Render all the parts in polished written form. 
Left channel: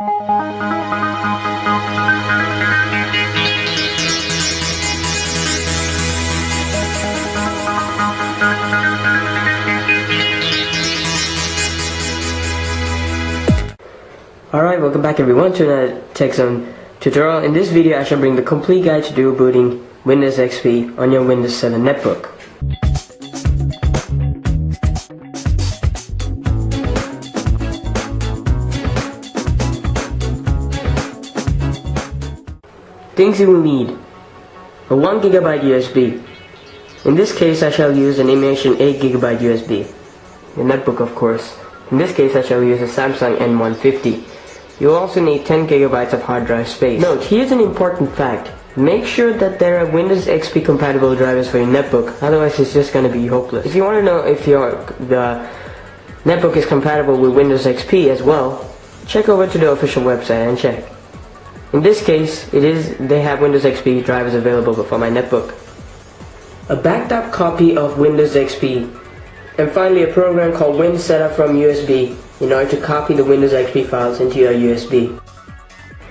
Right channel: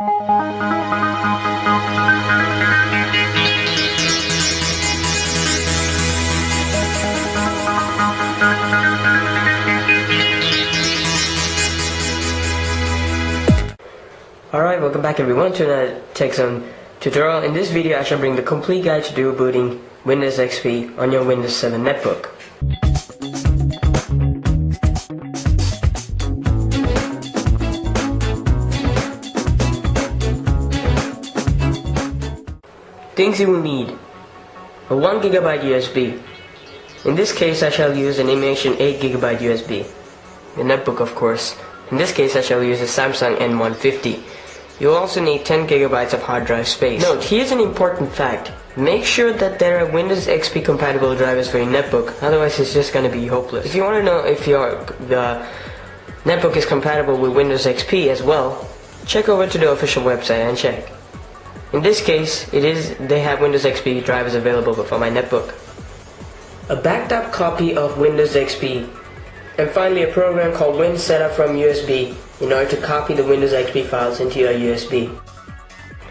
Alright, welcome back everyone to another Tech Zone tutorial. In this video I shall bring the complete guide to dual booting Windows XP on your Windows 7 netbook. Things you will need: a 1GB USB. In this case I shall use an Immersion 8GB USB. The netbook, of course. In this case I shall use a Samsung N150. You'll also need 10GB of hard drive space. Note, here's an important fact. Make sure that there are Windows XP compatible drivers for your netbook, otherwise it's just going to be hopeless. If you want to know if the netbook is compatible with Windows XP as well, check over to the official website and check. In this case, they have Windows XP drivers available for my netbook. A backed up copy of Windows XP, and finally a program called WinSetup from USB in order to copy the Windows XP files into your USB.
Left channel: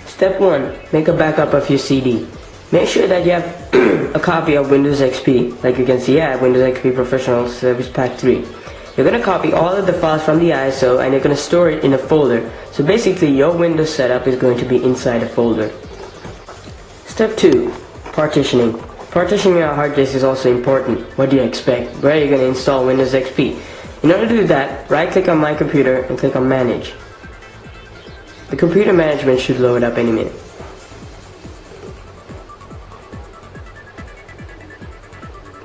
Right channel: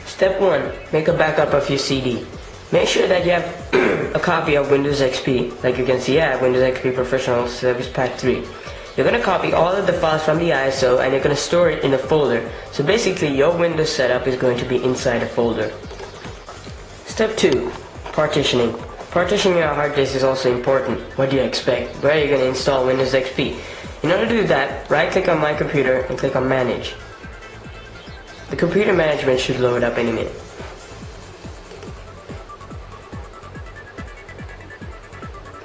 Step 1. Make a backup of your CD. Make sure that you have a copy of Windows XP. Like you can see, I have Windows XP Professional Service Pack 3. You're going to copy all of the files from the ISO and you're going to store it in a folder. So basically your Windows setup is going to be inside a folder. Step 2. Partitioning. Partitioning your hard disk is also important. What do you expect? Where are you going to install Windows XP? In order to do that, right click on My Computer and click on Manage. The computer management should load up any minute.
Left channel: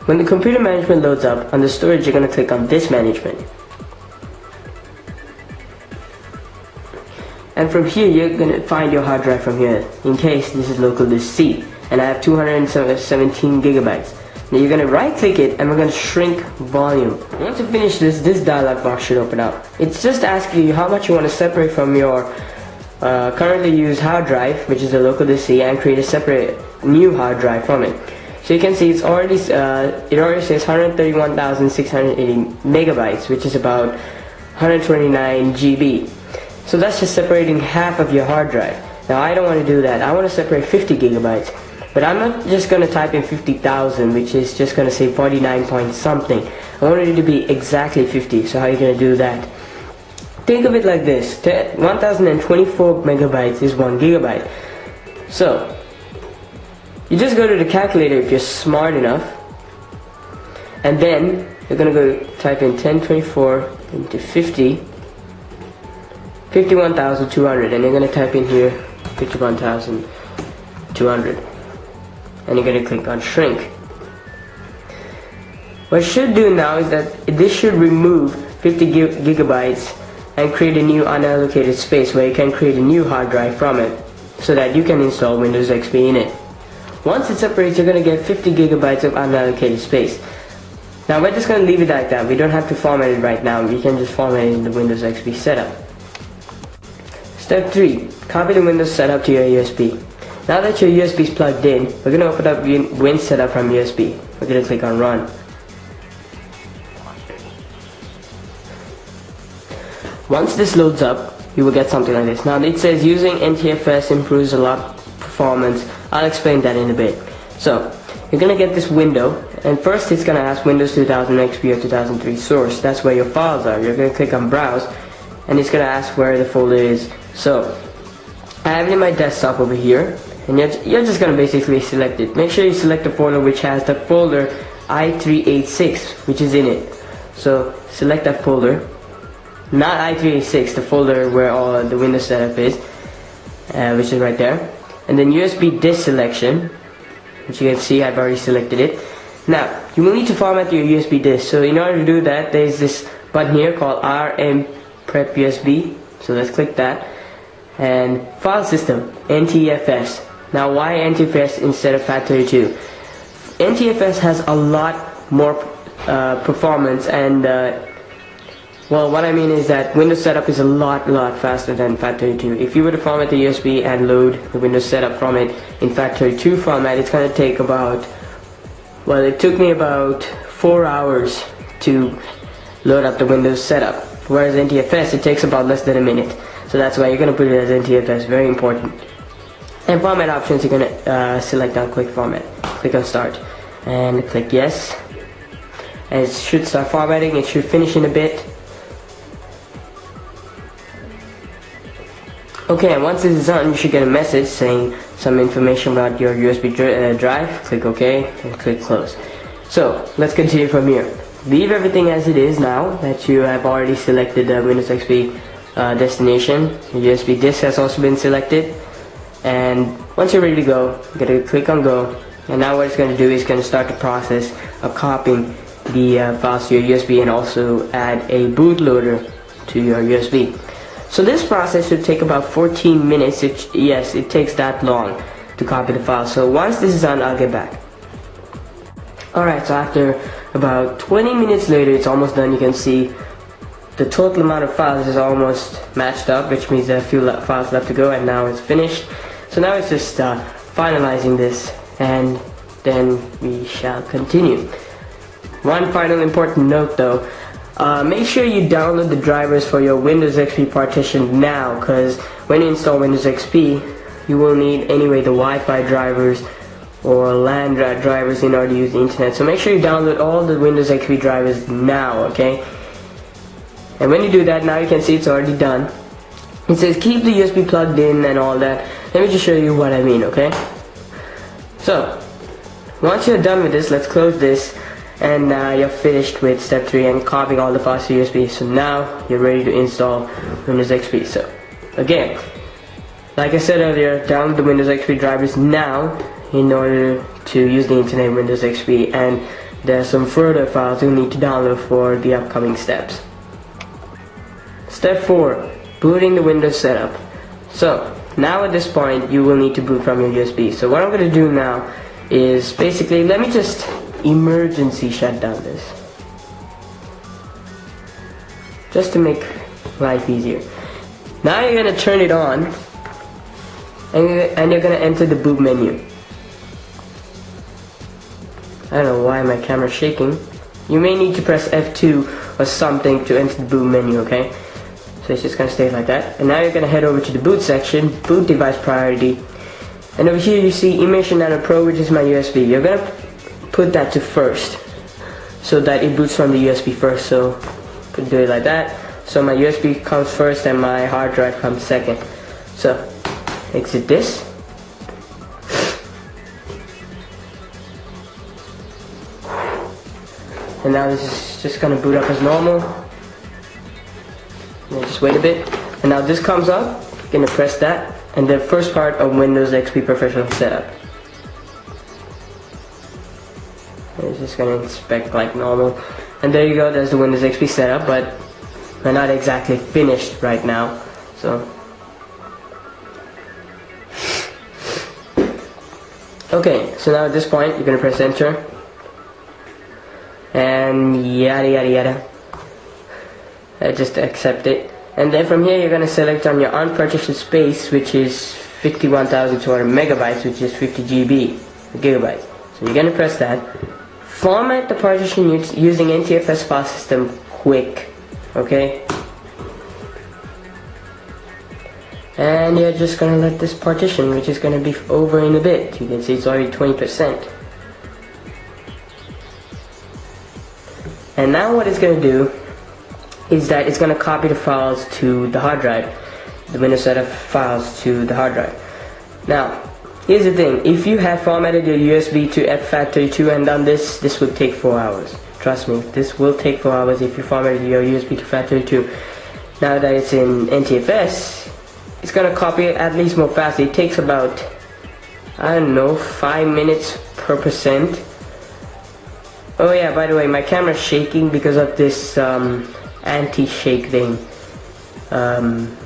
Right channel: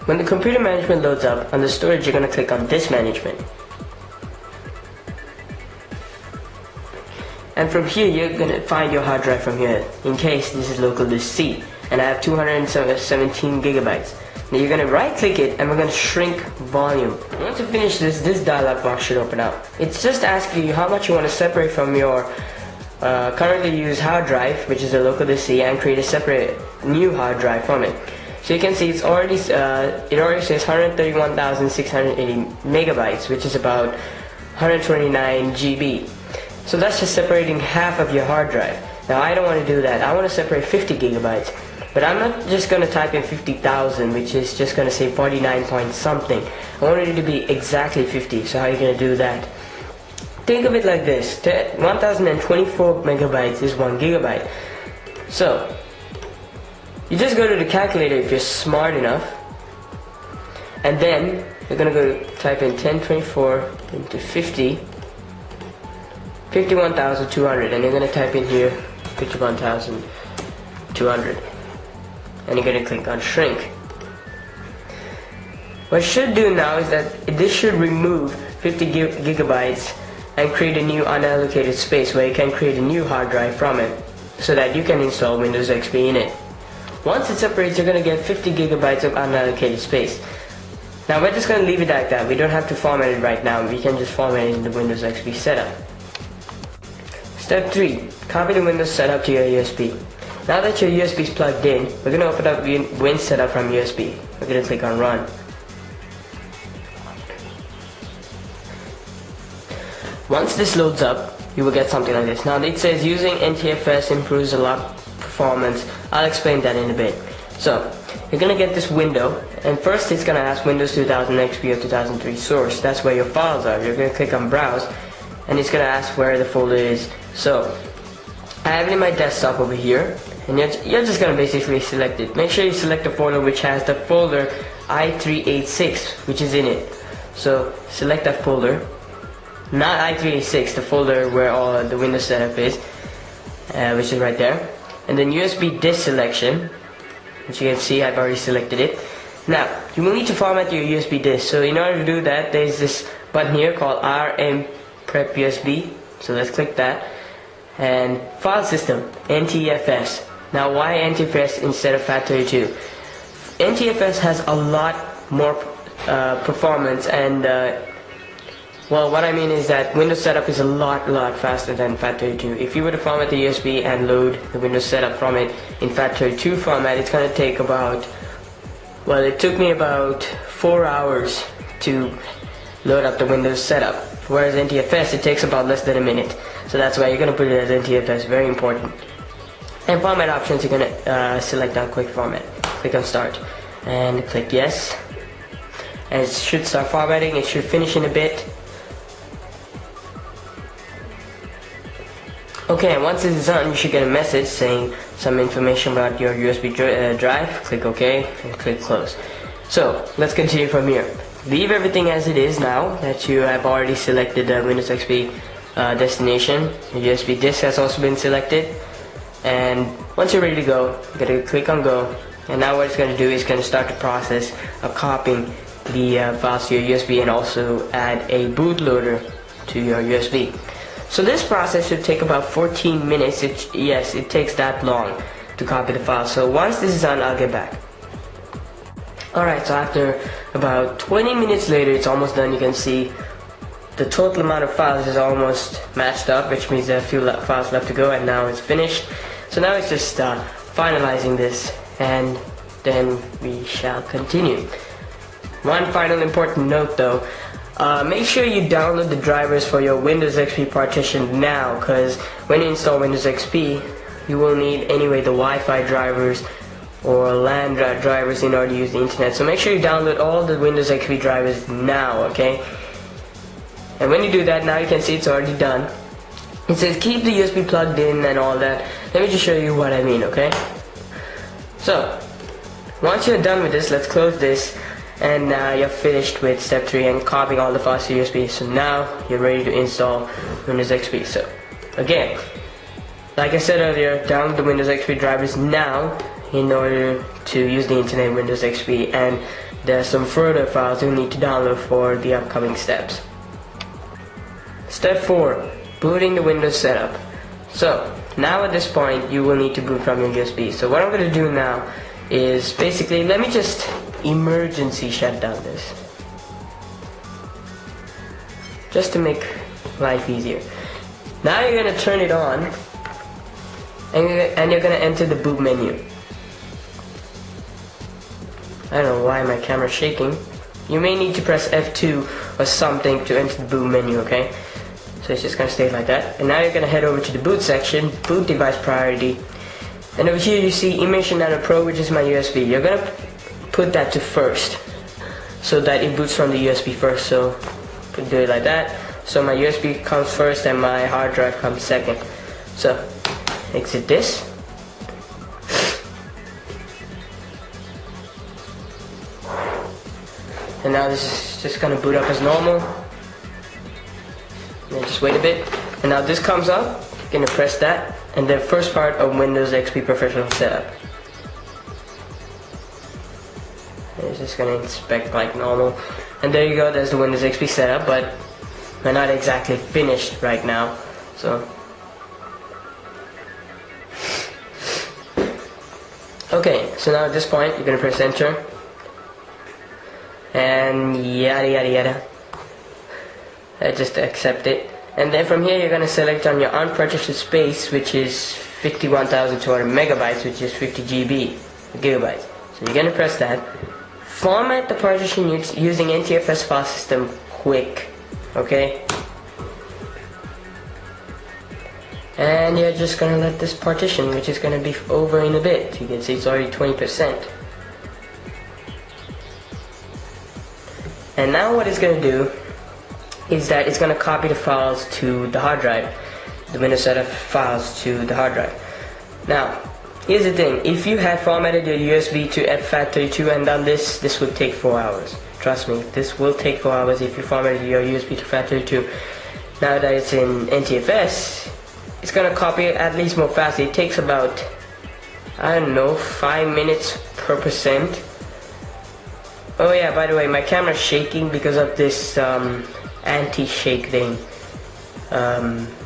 When the computer management loads up, under storage you're going to click on Disk Management. And from here you're going to find your hard drive from here. In case this is local disk C, and I have 217 gigabytes. Now you're going to right click it and we're going to shrink volume. Once you finish this dialog box should open up. It's just asking you how much you want to separate from your currently used hard drive, which is a local disk C, and create a separate new hard drive from it. So you can see it already says 131,680 megabytes, which is about 129 GB. So that's just separating half of your hard drive. Now I don't want to do that. I want to separate 50 gigabytes. But I'm not just going to type in 50,000, which is just going to say 49 point something. I want it to be exactly 50. So how are you going to do that? Think of it like this. 1024 megabytes is 1 gigabyte. So you just go to the calculator if you're smart enough, and then you're going to go type in 1024 into 50, 51,200, and you're going to type in here 51,200, and you're going to click on Shrink. What it should do now is that this should remove 50 gigabytes and create a new unallocated space where you can create a new hard drive from it so that you can install Windows XP in it. Once it separates, you're going to get 50 gigabytes of unallocated space. Now we're just going to leave it like that. We don't have to format it right now. We can just format it in the Windows XP setup. Step 3. Copy the Windows setup to your USB. Now that your USB is plugged in, we're going to open up WinSetup from USB. We're going to click on Run. Once this loads up, you will get something like this. Now it says using NTFS improves a lot performance. I'll explain that in a bit. So you're gonna get this window, and first it's gonna ask Windows 2000 XP or 2003 source. That's where your files are. You're gonna click on Browse, and it's gonna ask where the folder is. So I have it in my desktop over here, and you're just gonna basically select it. Make sure you select the folder which has the folder i386, which is in it. So select that folder, not i386, the folder where all the Windows setup is, which is right there. And then USB disk selection, which you can see I've already selected it. Now you will need to format your USB disk. So in order to do that, there's this button here called RM Prep USB. So let's click that. And file system, NTFS. Now why NTFS instead of FAT32? NTFS has a lot more performance, and well, what I mean is that Windows setup is a lot faster than FAT32. If you were to format the USB and load the Windows setup from it in FAT32 format, it's going to take about, well, it took me about 4 hours to load up the Windows setup. Whereas NTFS, it takes about less than a minute. So that's why you're going to put it as NTFS, very important. And format options, you're going to select on quick format. Click on start and click yes. And it should start formatting, it should finish in a bit. Okay, and once this is done, you should get a message saying some information about your USB drive. Click OK and click close. So let's continue from here. Leave everything as it is now that you have already selected the Windows XP destination. The USB disk has also been selected. And once you're ready to go, you're going to click on go. And now what it's going to do is going to start the process of copying the files to your USB and also add a bootloader to your USB. So this process should take about 14 minutes. Yes, it takes that long to copy the file. So once this is done, I'll get back. Alright, so after about 20 minutes later, it's almost done. You can see the total amount of files is almost matched up, which means there are a few files left to go, and now it's finished. So now it's just finalizing this, and then we shall continue. One final important note though, make sure you download the drivers for your Windows XP partition now, because when you install Windows XP, you will need anyway the Wi-Fi drivers or LAN drivers in order to use the internet. So make sure you download all the Windows XP drivers now, okay? And when you do that, now you can see it's already done. It says keep the USB plugged in and all that. Let me just show you what I mean, okay? So, once you're done with this, let's close this. And now you're finished with step 3 and copying all the files to USB. So now you're ready to install Windows XP. So again, like I said earlier, download the Windows XP drivers now in order to use the internet in Windows XP, and there are some further files you'll need to download for the upcoming steps. Step 4, booting the Windows setup. So now at this point you will need to boot from your USB. So what I'm going to do now is basically, let me just emergency shut down this, just to make life easier. Now you're going to turn it on, and you're going to enter the boot menu. I don't know why my camera's shaking. You may need to press F2 or something to enter the boot menu, okay? So it's just going to stay like that. And now you're going to head over to the boot section, boot device priority. And over here you see Immersion Nano Pro, which is my USB. You're going to put that to first, so that it boots from the USB first. So you do it like that. So my USB comes first and my hard drive comes second. So exit this. And now this is just going to boot up as normal. And just wait a bit. And now this comes up. You're going to press that. And the first part of Windows XP Professional Setup. And it's just going to inspect like normal. And there you go, there's the Windows XP setup, but we're not exactly finished right now. So okay, so now at this point you're going to press enter. And yada yada yada. Just accept it. And then from here you're going to select on your unpartitioned space, which is 51,200 megabytes, which is 50 gigabytes. So you're going to press that. Format the partition using NTFS file system quick. Okay? And you're just going to let this partition, which is going to be over in a bit. You can see it's already 20%. And now what it's going to do is that it's going to copy the files to the hard drive, the Windows setup files to the hard drive. Now, here's the thing, if you had formatted your USB to FAT32 and done this, this would take 4 hours. Trust me, this will take 4 hours if you formatted your USB to FAT32. Now that it's in NTFS, it's going to copy it at least more fast. It takes about, I don't know, 5 minutes per percent. Oh yeah, by the way, my camera's shaking because of this anti-shake thing,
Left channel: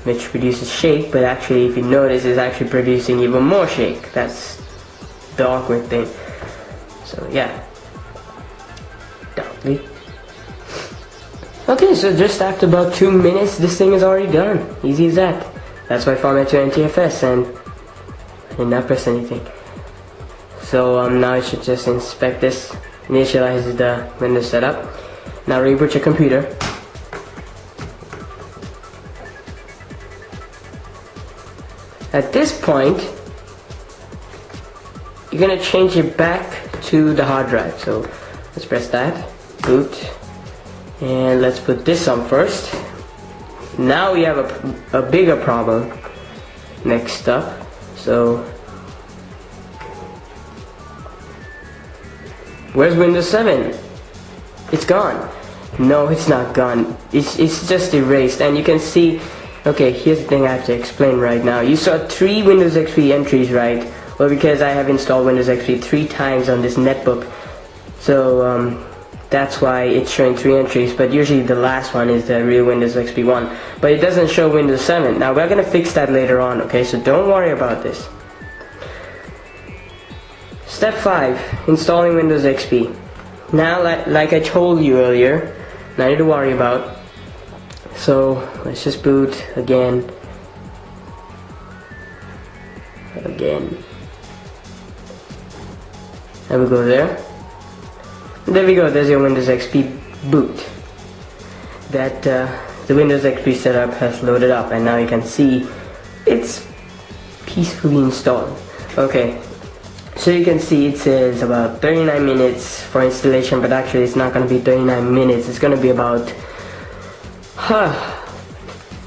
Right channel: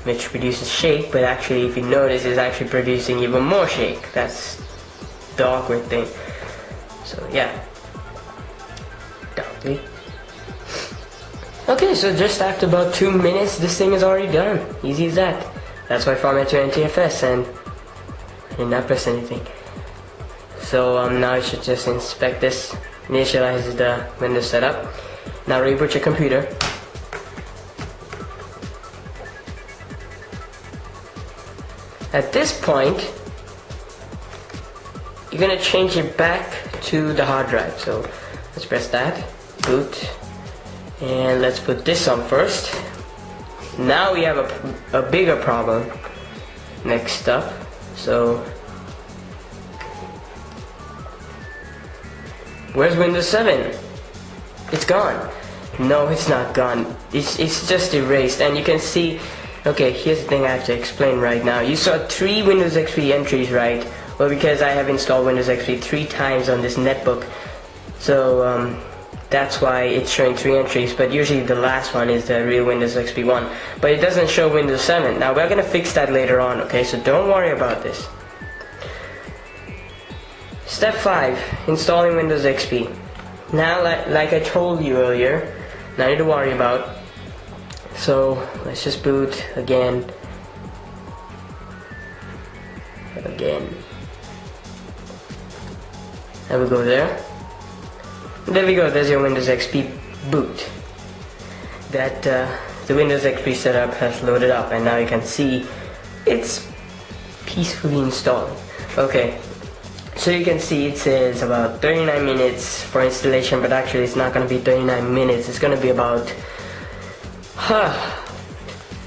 which reduces shake, but actually if you notice it's actually producing even more shake. That's the awkward thing. So yeah. Okay, so just after about 2 minutes this thing is already done. Easy as that. That's why I format to NTFS and I did not press anything. So now I should just inspect this. Initialize the Windows setup. Now reboot your computer. At this point, you're gonna change it back to the hard drive. So let's press that, boot, and let's put this on first. Now we have a bigger problem next up. So where's Windows 7? It's gone. No, it's not gone. It's just erased, and you can see. Okay, here's the thing I have to explain right now. You saw 3 Windows XP entries, right? Well, because I have installed Windows XP 3 times on this netbook, so that's why it's showing 3 entries. But usually the last one is the real Windows XP one, but it doesn't show Windows 7. Now we're gonna fix that later on. Okay, so don't worry about this. Step 5: installing Windows XP. Now, like I told you earlier, nothing to worry about. So let's just boot again. There we go there. There we go, there's your Windows XP boot. That the Windows XP setup has loaded up, and now you can see it's peacefully installed. Okay, so you can see it says about 39 minutes for installation, but actually it's not going to be 39 minutes, it's going to be about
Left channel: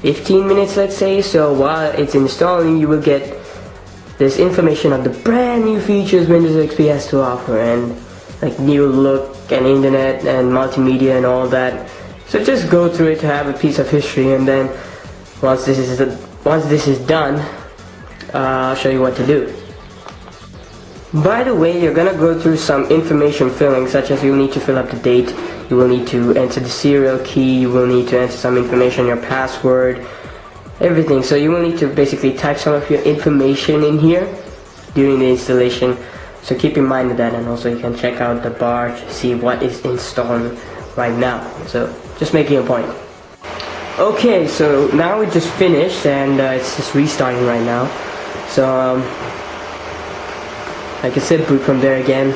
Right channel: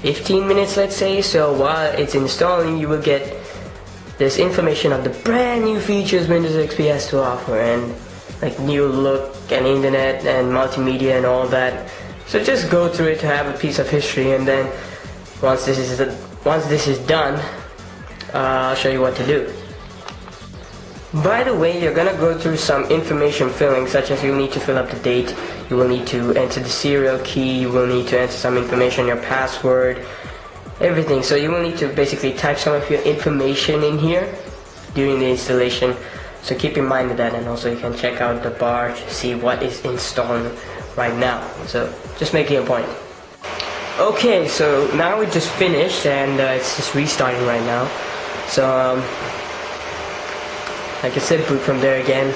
15 minutes, let's say. So while it's installing, you will get this information of the brand new features Windows XP has to offer, and like new look and internet and multimedia and all that. So just go through it to have a piece of history, and then once this is done, I'll show you what to do. By the way, you're gonna go through some information filling, such as you'll need to fill up the date, you will need to enter the serial key, you will need to enter some information, your password, everything. So you will need to basically type some of your information in here during the installation. So keep in mind of that, and also you can check out the bar to see what is installed right now. So just making a point. Okay, so now we just finished, and it's just restarting right now. So like I said, boot from there again.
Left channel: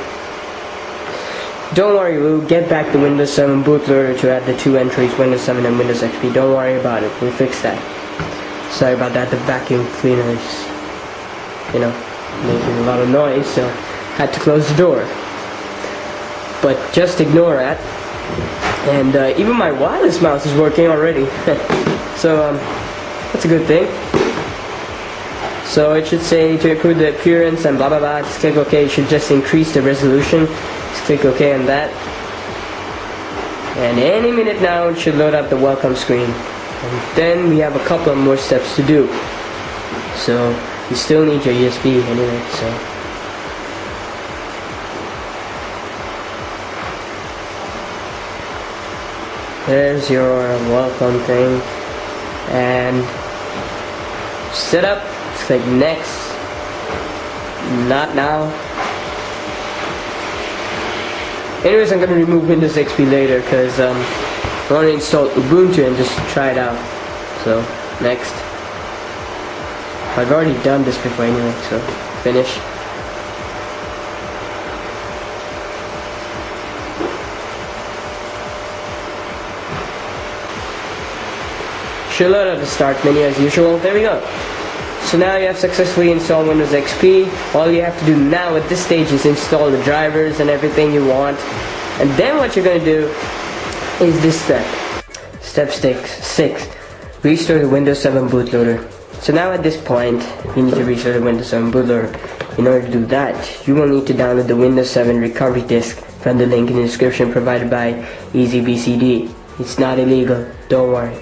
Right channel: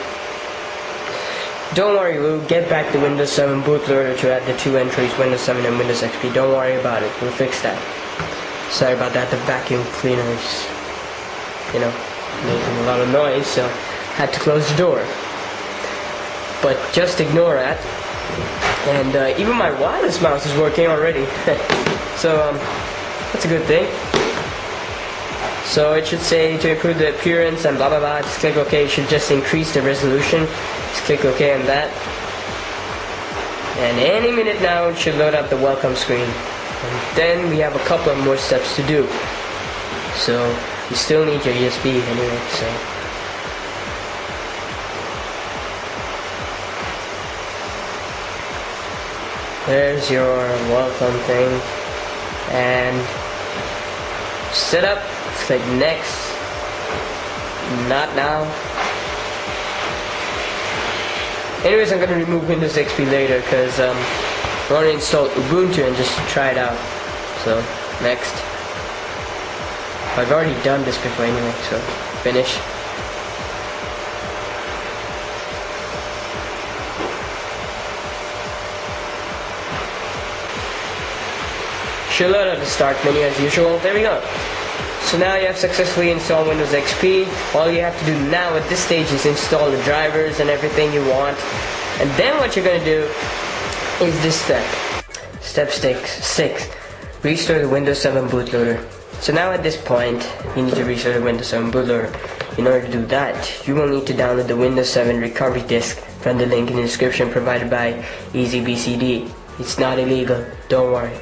Don't worry, we'll get back the Windows 7 bootloader to add the 2 entries, Windows 7 and Windows XP. Don't worry about it, we'll fix that. Sorry about that, the vacuum cleaner is, making a lot of noise, so had to close the door. But just ignore that. And even my wireless mouse is working already. So that's a good thing. So it should say to improve the appearance and blah blah blah. Just click OK. It should just increase the resolution. Just click OK on that. And any minute now it should load up the welcome screen. And then we have a couple of more steps to do. So you still need your USB anyway. So there's your welcome thing. And set up. Let's click next. Not now. Anyways, I'm gonna remove Windows XP later because I want to install Ubuntu and just try it out. So next. I've already done this before anyway, so finish. Should load up the start menu as usual. There we go. So now you have successfully installed Windows XP. All you have to do now at this stage is install the drivers and everything you want. And then what you're going to do is this step. Step 6. Restore the Windows 7 bootloader. So now at this point, you need to restore the Windows 7 bootloader. In order to do that, you will need to download the Windows 7 recovery disk from the link in the description provided by EasyBCD. It's not illegal, don't worry.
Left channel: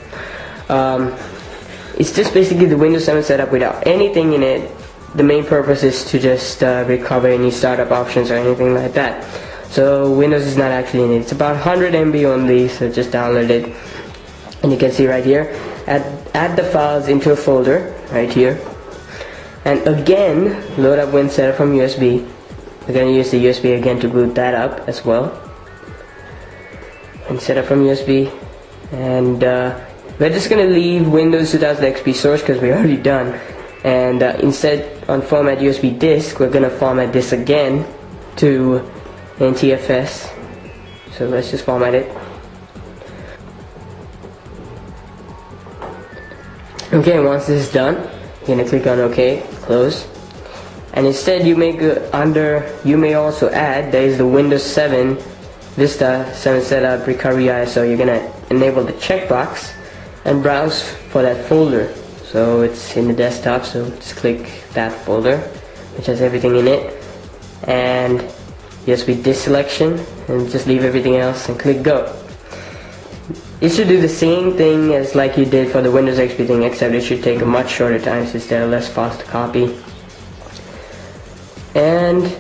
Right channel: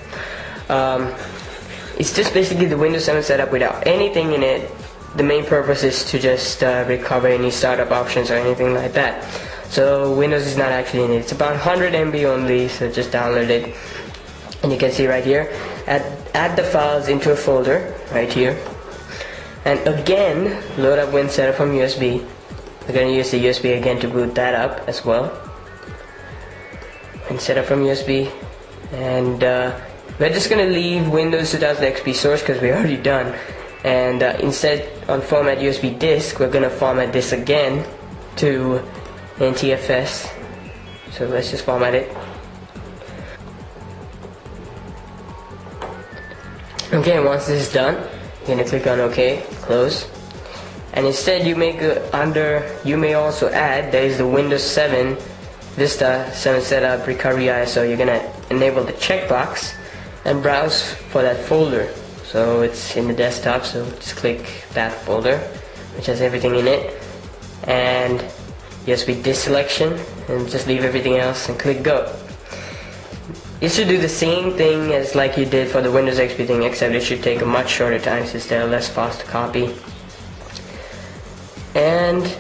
It's just basically the Windows 7 setup without anything in it. The main purpose is to just recover any startup options or anything like that. So Windows is not actually in it. It's about 100 MB only, so just download it. And you can see right here, add the files into a folder right here. And again, load up WinSetup from USB. We're going to use the USB again to boot that up as well. WinSetup from USB. And we're just going to leave Windows 2000 XP source because we're already done. And instead, on format USB disk, we're going to format this again to NTFS. So let's just format it. Okay, once this is done, You're gonna click on OK, close. And instead you may you may also add, there is the Windows 7 Vista 7 Setup Recovery ISO. You're gonna enable the checkbox and browse for that folder. So it's in the desktop, so just click that folder, which has everything in it. And USB disk selection, and just leave everything else and click go. You should do the same thing as like you did for the Windows XP thing, except it should take a much shorter time since they're less fast to copy. And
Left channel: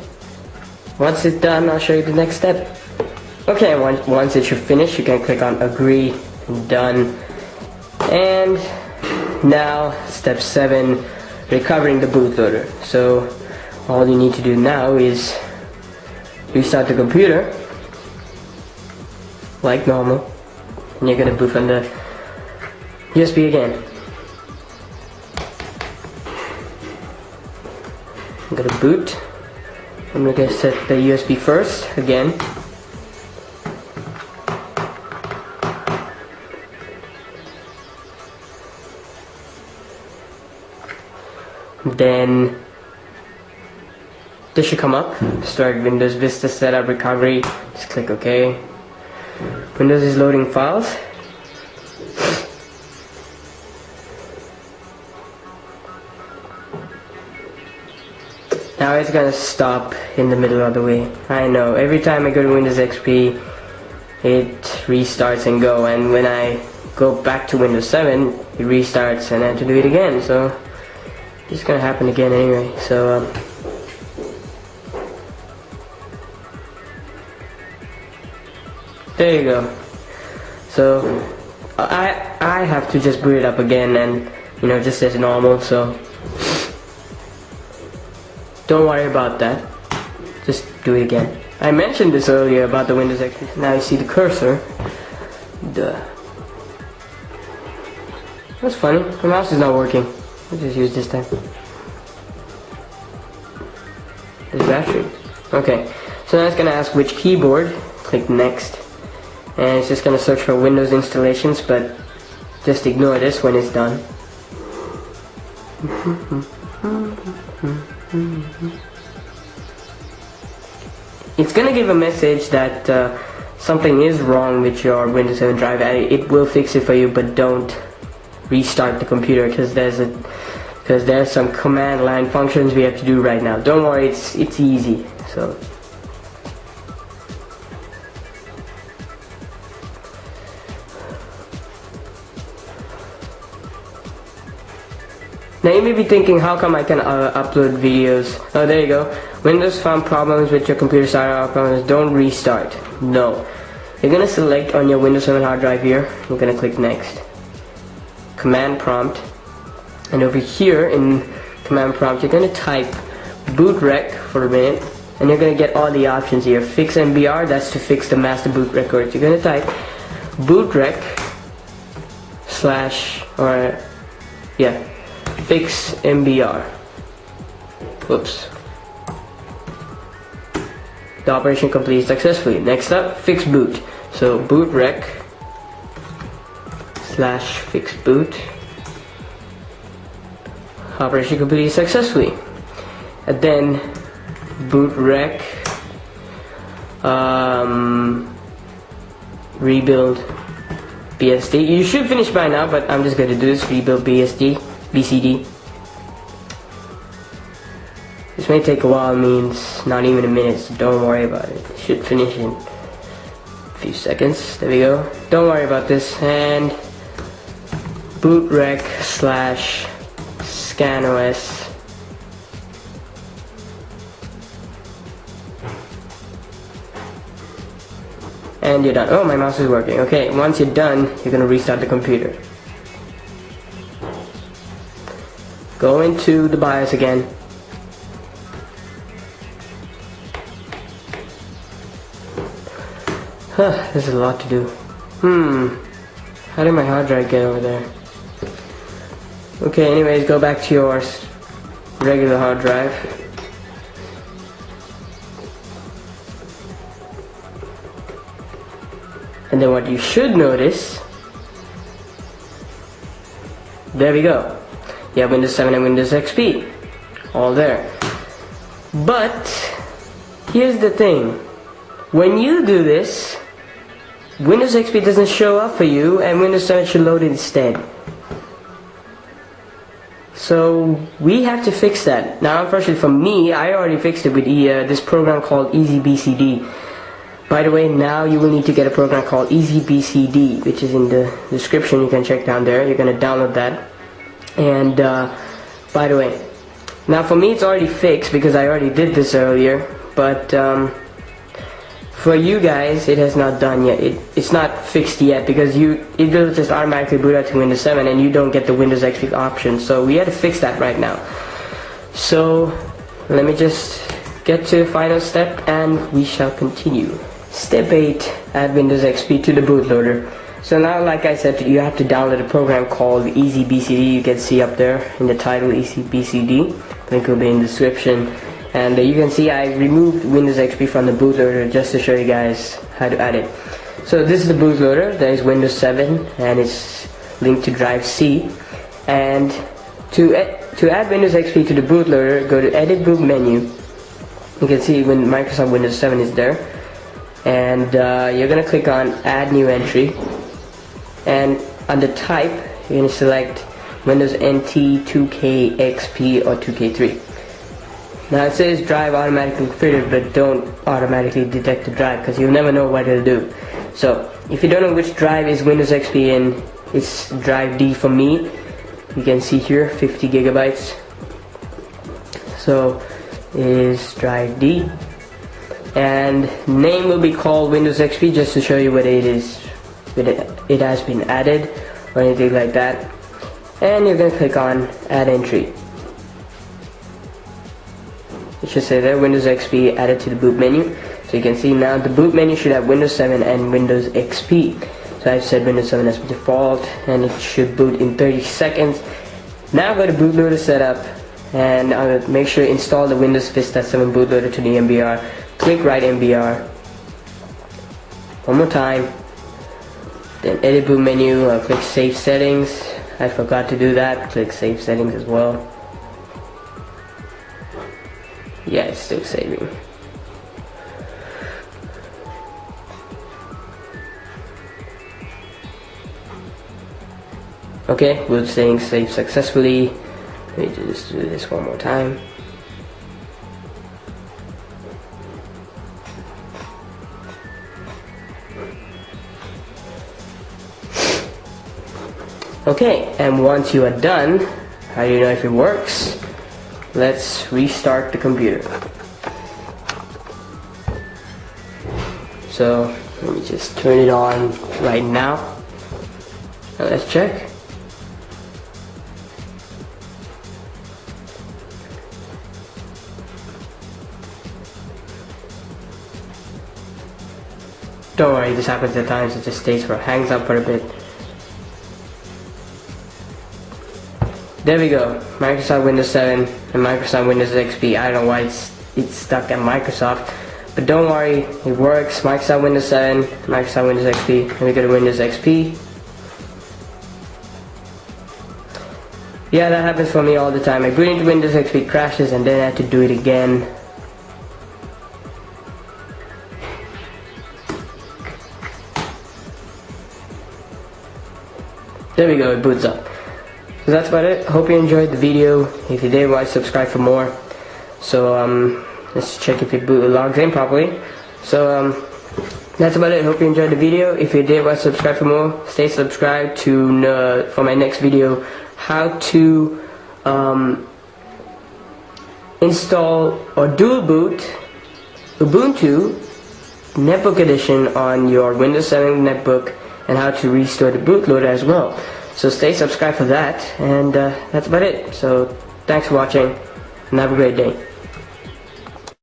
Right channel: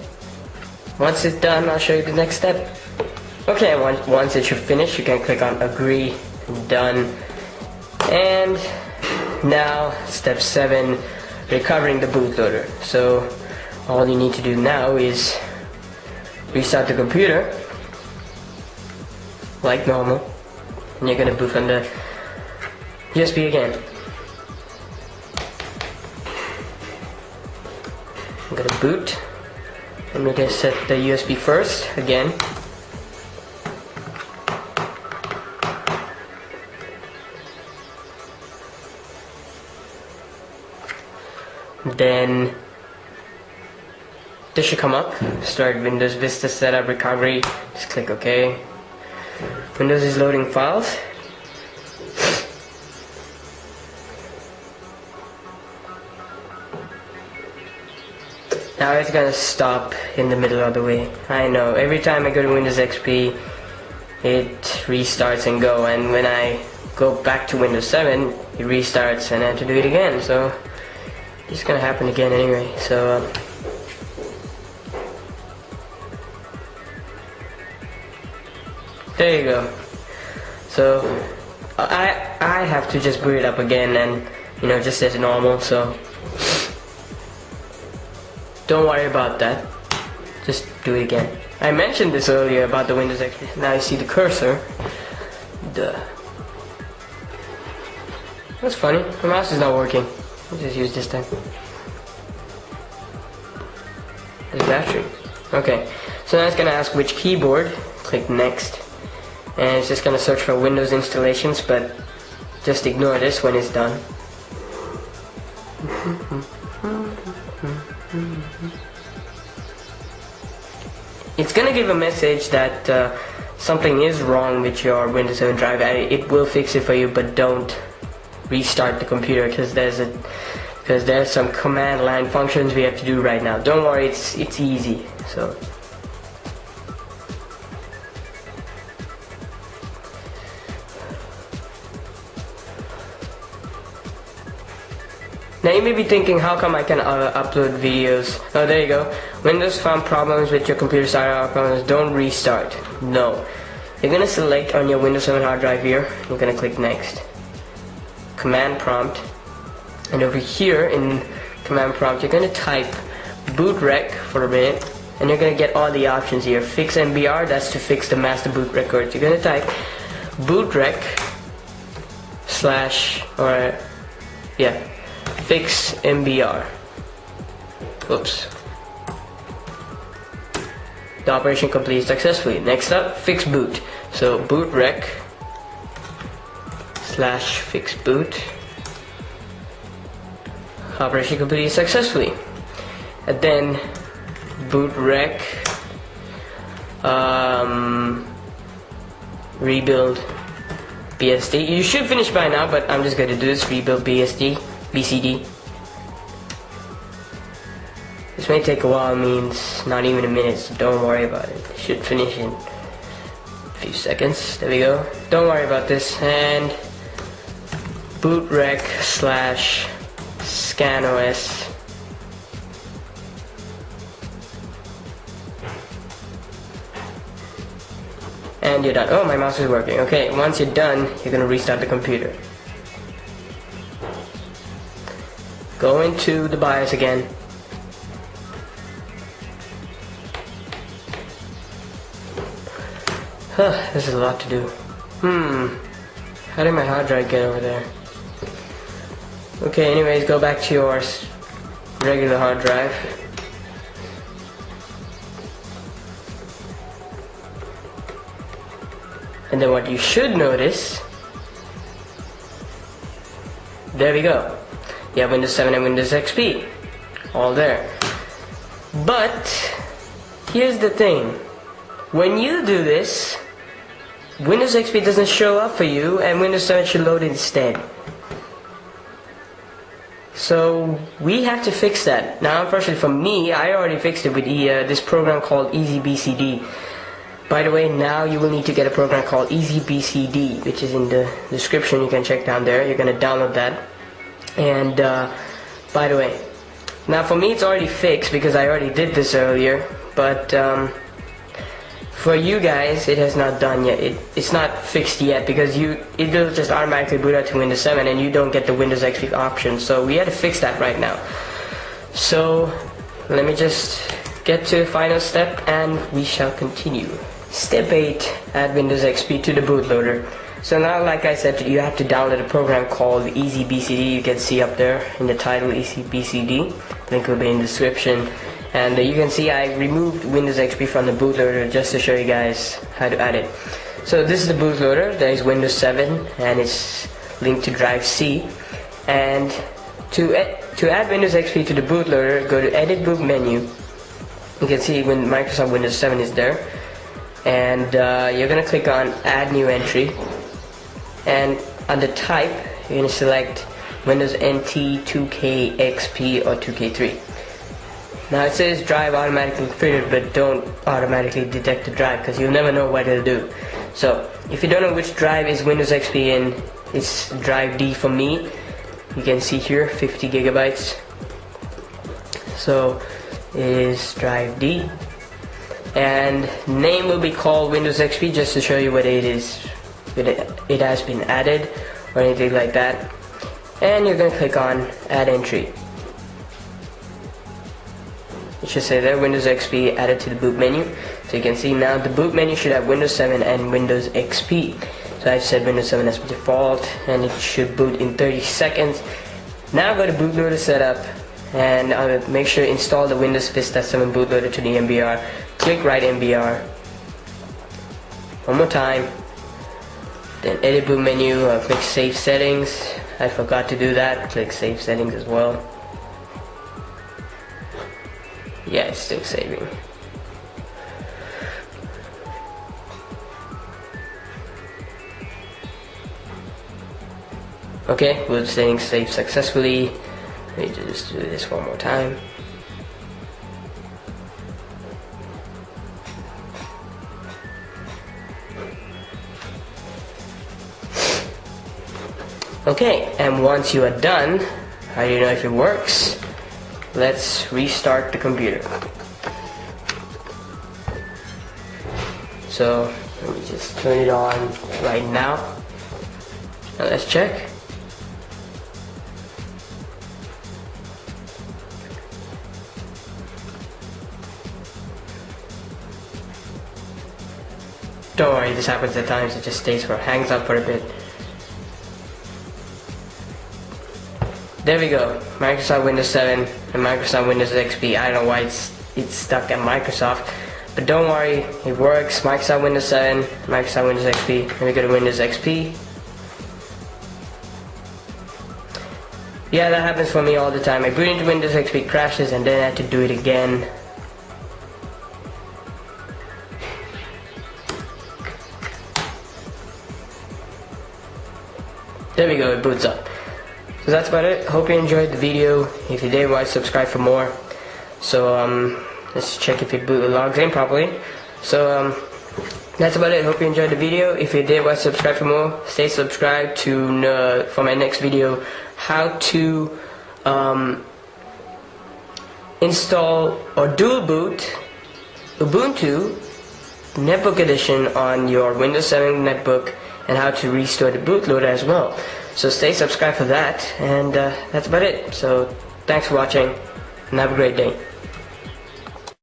once it's done, I'll show you the next step. Okay, once it should finish, you can click on agree, done. And now step 7, recovering the bootloader. So all you need to do now is restart the computer like normal, and you're gonna boot from the USB again. I'm gonna boot. I'm gonna set the USB first again. Then this should come up. Start Windows Vista Setup Recovery. Just click OK. Windows is loading files. Now it's gonna stop in the middle of the way. I know, every time I go to Windows XP it restarts and go, and when I go back to Windows 7 it restarts and I have to do it again, so it's gonna happen again anyway. So there you go. So I have to just boot it up again and just as normal, so don't worry about that. Just do it again. I mentioned this earlier about the Windows XP. Now you see the cursor. That's funny. The mouse is not working. I'll just use this time. There's battery. Okay. So now it's gonna ask which keyboard. Click next. And it's just gonna search for Windows installations, but just ignore this when it's done. It's gonna give a message that something is wrong with your Windows 7 drive. It will fix it for you, but don't restart the computer because there's some command line functions we have to do right now. Don't worry, it's easy. So now you may be thinking, how come I can upload videos? Oh, there you go. Windows found problems with your computer started out problems. Don't restart. No. You're gonna select on your Windows 7 hard drive here. You're gonna click next. Command prompt. And over here in command prompt, you're gonna type bootrec for a minute. And you're gonna get all the options here. Fix MBR, that's to fix the master boot records. You're gonna type bootrec fix MBR. Whoops. The operation completed successfully. Next up, fix boot. So bootrec /fix boot. Operation completed successfully. And then bootrec rebuild BSD. You should finish by now, but I'm just going to do this. Rebuild BCD. This may take a while, means not even a minute, so don't worry about it. It should finish in a few seconds. There we go. Don't worry about this. And bootrec /scanOS. And you're done. Oh, my mouse is working. Okay, once you're done, you're gonna restart the computer. Go into the BIOS again. This is a lot to do. How did my hard drive get over there? Okay, anyways, go back to your regular hard drive. And then what you should notice, there we go. You have Windows 7 and Windows XP, all there. But here's the thing, when you do this, Windows XP doesn't show up for you and Windows 7 should load instead. So we have to fix that. Now unfortunately for me, I already fixed it with this program called EasyBCD. By the way, now you will need to get a program called EasyBCD, which is in the description. You can check down there. You're going to download that. And by the way, now for me it's already fixed because I already did this earlier. But for you guys, it has not done yet. It's not fixed yet because it will just automatically boot out to Windows 7 and you don't get the Windows XP option. So we had to fix that right now. So let me just get to the final step and we shall continue. Step 8, add Windows XP to the bootloader. So now, like I said, you have to download a program called EasyBCD. You can see up there in the title, EasyBCD. Link will be in the description. And you can see I removed Windows XP from the bootloader just to show you guys how to add it. So this is the bootloader. There is Windows 7 and it's linked to drive C. And to add Windows XP to the bootloader, go to Edit Boot menu. You can see when Microsoft Windows 7 is there. And you're going to click on Add New Entry. And under Type, you're going to select Windows NT 2K XP or 2K3. Now it says drive automatically fitted, but don't automatically detect the drive because you'll never know what it'll do. So if you don't know which drive is Windows XP in, it's drive D for me. You can see here 50 gigabytes. So it is drive D. And name will be called Windows XP just to show you what it is. It has been added or anything like that. And you're going to click on Add Entry. It should say there Windows XP added to the boot menu. So you can see now the boot menu should have Windows 7 and Windows XP. So I've set Windows 7 as default and it should boot in 30 seconds. Now go to bootloader setup and make sure to install the Windows Vista 7 bootloader to the MBR. Click Write MBR. One more time. Then edit boot menu, click Save Settings. I forgot to do that. Click Save Settings as well. Yeah, it's still saving. Okay, boot settings saved successfully. Let me just do this one more time. Okay, and once you are done, how do you know if it works? Let's restart the computer. So let me just turn it on right now. Now let's check. Don't worry, this happens at times. It just hangs up for a bit. There we go, Microsoft Windows 7 and Microsoft Windows XP. I don't know why it's stuck at Microsoft, but don't worry, it works. Microsoft Windows 7, Microsoft Windows XP. Let me go to Windows XP. Yeah, that happens for me all the time. I boot into Windows XP, crashes, and then I have to do it again. There we go, it boots up. So that's about it. Hope you enjoyed the video. If you did, why subscribe for more. So let's check if it logs in properly. So that's about it. Hope you enjoyed the video. If you did, why subscribe for more. Stay subscribed to for my next video, how to install or dual boot Ubuntu Netbook edition on your Windows 7 Netbook, and how to restore the bootloader as well. So stay subscribed for that, and that's about it. So thanks for watching, and have a great day.